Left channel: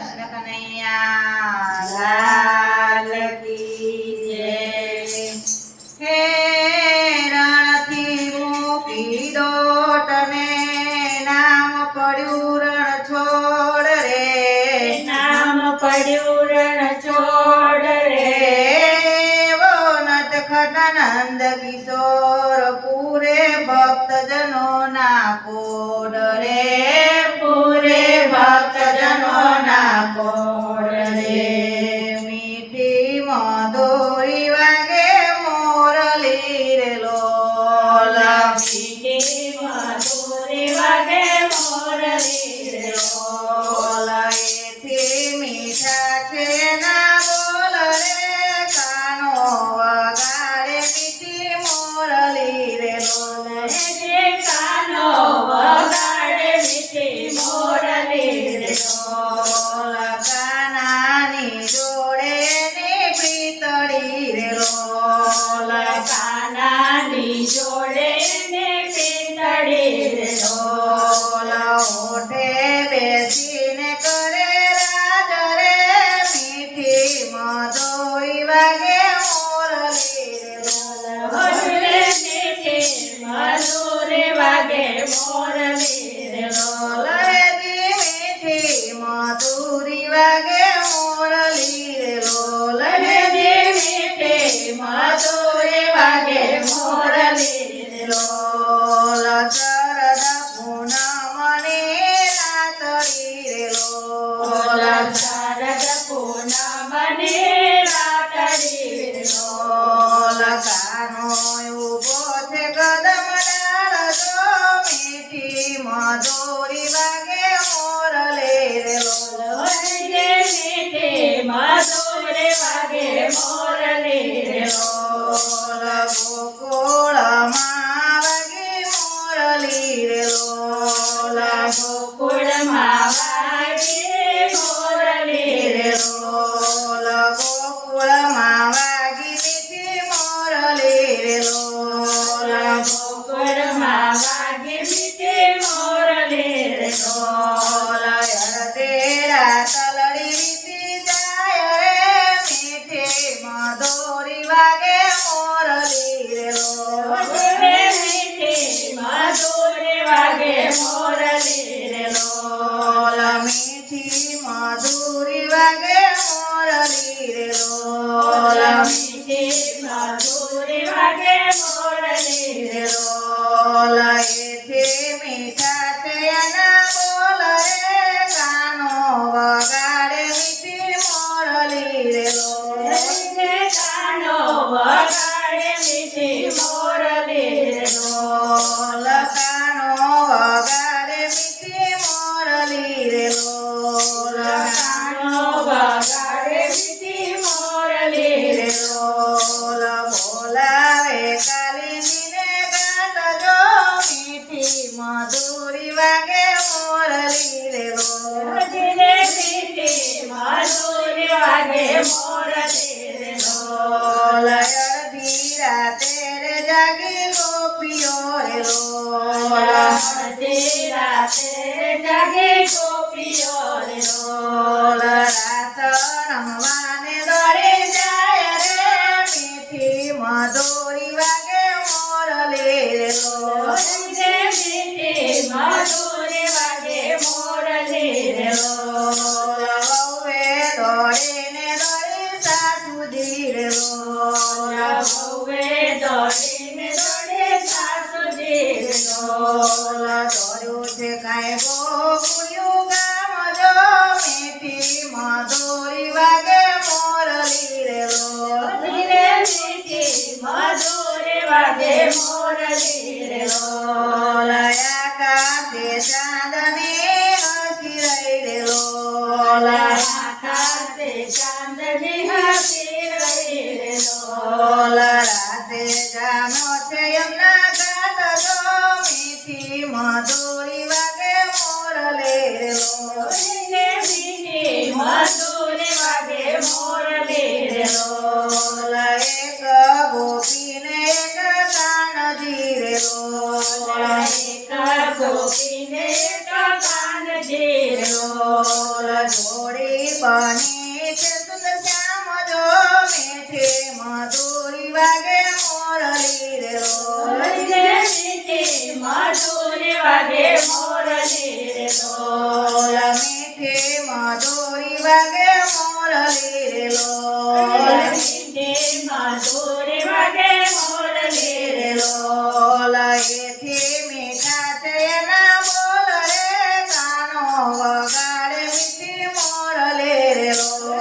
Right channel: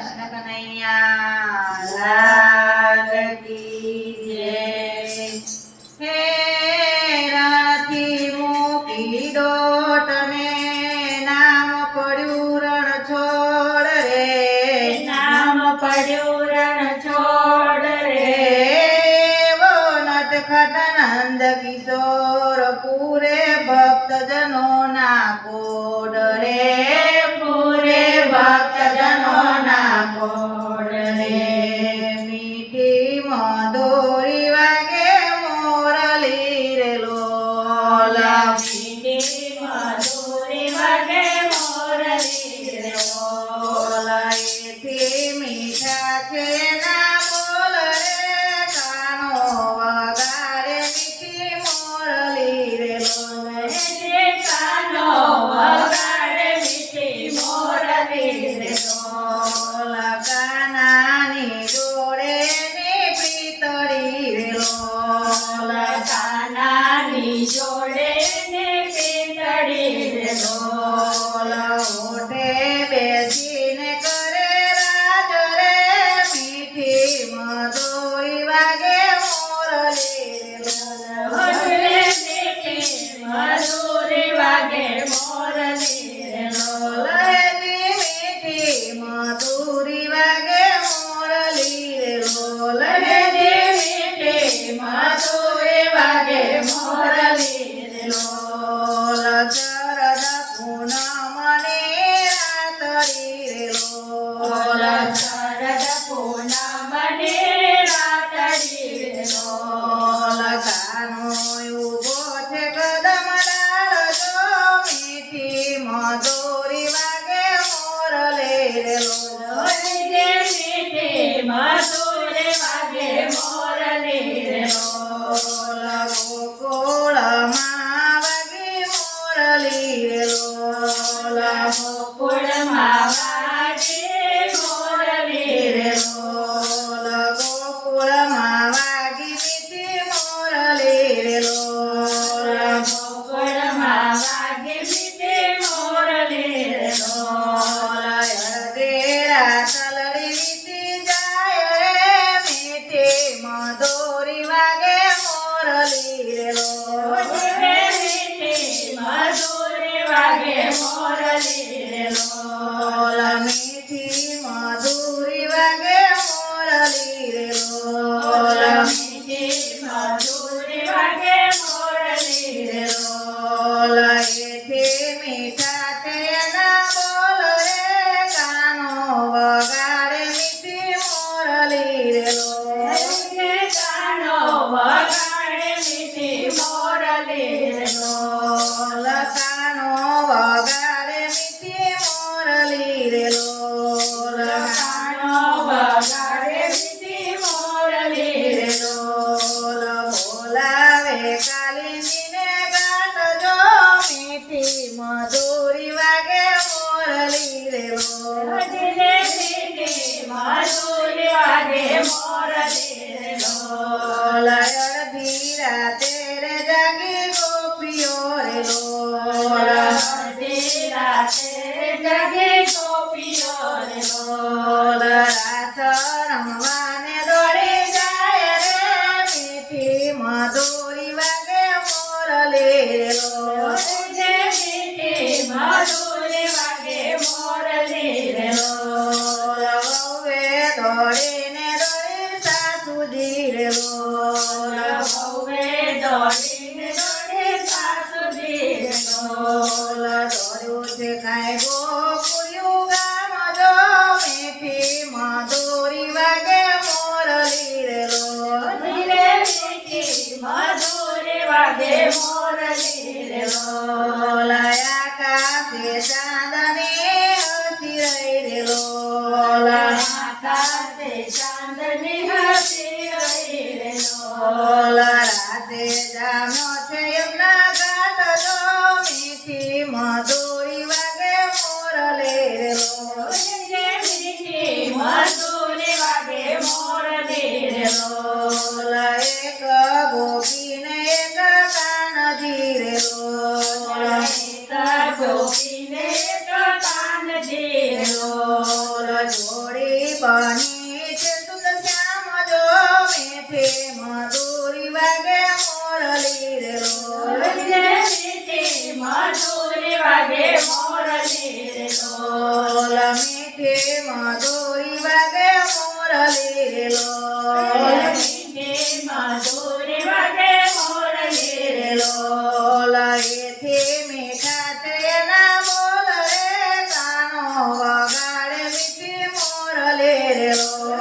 કૃષ્ણ કનૈયા લાલ કી જય. હે રણથી મૂકી દોટને નામ પડ્યું રણ છોડ રે. નામ પડ્યું રણ છોડ રે. એવો નટખટ નંદ કિશોર પૂરે ભક્તજનો ના કોડ રે. પૂરે ભક્તજનો ના કોડ રે. મીઠી મધુરી વાગે મોરલી રે લોલ. મીઠી મધુરી વાગે મોરલી રે લોલ. એથી મીઠા છે ના બોલ રે કાનો વગાડે મીઠી મોરલી રે લોલ. જે કાનો વગાડે મીઠી મોરલી રે લોલ. કાનાની જોડે ની પ્રીતળી રે લોલ. કાનાની જોડે ને પિંતળી રે લોલ. ઓઠે બેસીને કરે રાજ રે મીઠી મધુરી વાગે મોરલી રે લોલ. ભજલે મીઠી મધુરી વાગે મોરલી રે લોલ. જી મીઠી મધુરી વાગે મોરલી રે લોલ. જે મીઠી મધુરી વાગે મોરલી રે લોલ. શરદ પૂનમની રાતડી રે લોલ. શરદ પૂનમને રાતડી રે લોલ. કાનો ઉભો છે કદમ ડાળ જો મીઠી મધુરી વાગે મોરલી રે લોલ. જે મીઠી મધુરી વાગે મોરલી રે લોલ. ગોકુળમાં વાગી મોરલી રે લોલ. ગોકુળમાં વાગે મોરલી રે લોલ. ગોકુળમાં વાગી મીઠી મોરલી રે લોલ. ગોકુળમાં વાગે મીઠી મોરલી રે લોલ. અડધેરા તલડી વીતી જાય રે મીઠી મધુરી વાગે મોરલી રે લોલ. મીઠી મધુરી વાગે મોરલી રે લોલ. મીઠી મધુરી વાગે મોરલી રે લોલ. મીઠી મધુરી વાગે મોરલી રે લોલ. એથી મીઠા થયાના બોલ રે કાનો વગાડે મીઠી મોરલી રે લોલ. કાનો વગાડે મીઠી મોરલી રે લોલ. કાનો વગાડે મીઠી મોરલી રે લોલ. કાનો વગાડે મીઠી મોરલી રે લોલ. બોલાવે કાલિંદીને ગાત જો મીઠી મધુરી વાગે મોરલી રે લોલ. મીઠી મધુરી વાગે મોરલી રે લોલ. અડધી રાતે રે જાગી ગોપીઓ રે લોલ. અડધી રાતે જાગે ગોપીઓ રે લોલ. રાસ રમવાને દોડી જાય રે મીઠી મધુરી વાગે મોરલી રે લોલ. મીઠી મધુરી વાગે મોરલી રે લોલ. વહુએ દોડીને દોડી સાસુજી રે લોલ. વહુએ દોડીને દોડે સાસુજી રે લોલ. દોડ્યું છે કાંઈ ગોકુળિયું ગામ જો મીઠી મધુરી વાગે મોરલી રે લોલ. મીઠી મધુરી વાગે મોરલી રે લોલ. આકાશે ચાંદની હસી રહી રે લોલ. આકાશે ચાંદની હસી રહી રે લોલ. રાતે જામ્યો છે યમુના ઘાટ જો મીઠી મધુરી વાગે મોરલી રે લોલ. મીઠી મધુરી વાગે જોડી બની છે સુંદર શ્યામ જો મીઠી મધુરી વાગે મોરલી રે લોલ મીઠી મધુરી વાગે મોરલી રે લોલ મીઠી મધુરી વાગે મોરલી રે લોલ મીઠી મધુરી વાગે મોરલી રે લોલ એથી મીઠા છે એના બોલ રે કાનો વગાડે મીઠી મોરલી રે લોલ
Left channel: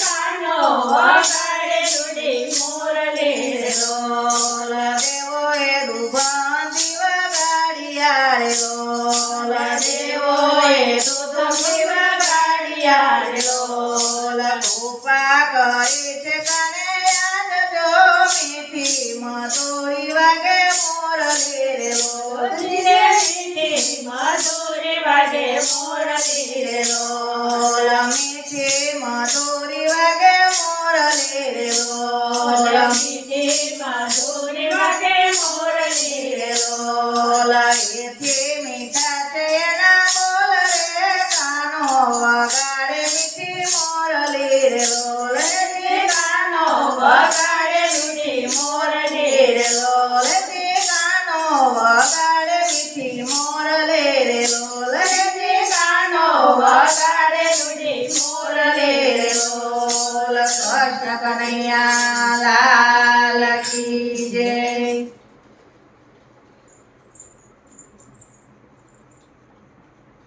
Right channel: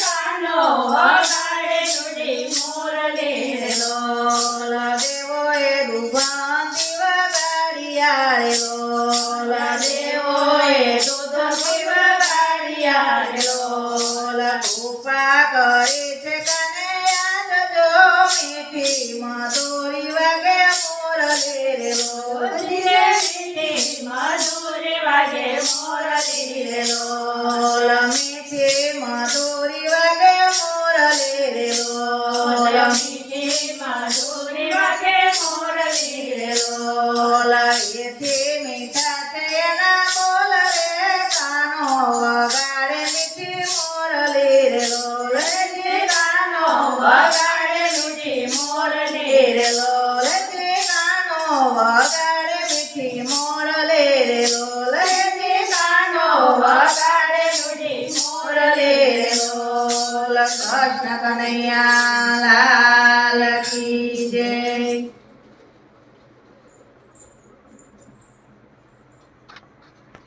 કાનો વગાડે રૂડી મોરલી રે લોલ દેવો એ દુભાંતી વગાડિયા રે લોલ દેવો એ દુભાંતી વગાડિયા રે લોલ કૃપા કરી છે કને યાદ જો મીઠી મધુરી વાગે મોરલી રે લોલ મીઠી મધુરી વાગે મોરલી રે લોલ મીઠી મધુરી વાગે મોરલી રે લોલ મીઠી મધુરી વાગે મોરલી રે લોલ એથી મીઠા છે એના બોલ રે કાનો વગાડે મીઠી મોરલી રે લોલ કાનો વગાડે રૂડી મોરલી રે લોલ કાનો વગાડે મીઠી મોરલી રે લોલ કાનો વગાડે રૂડી મોરલી રે લોલ કૃષ્ણ કનૈયા લાલ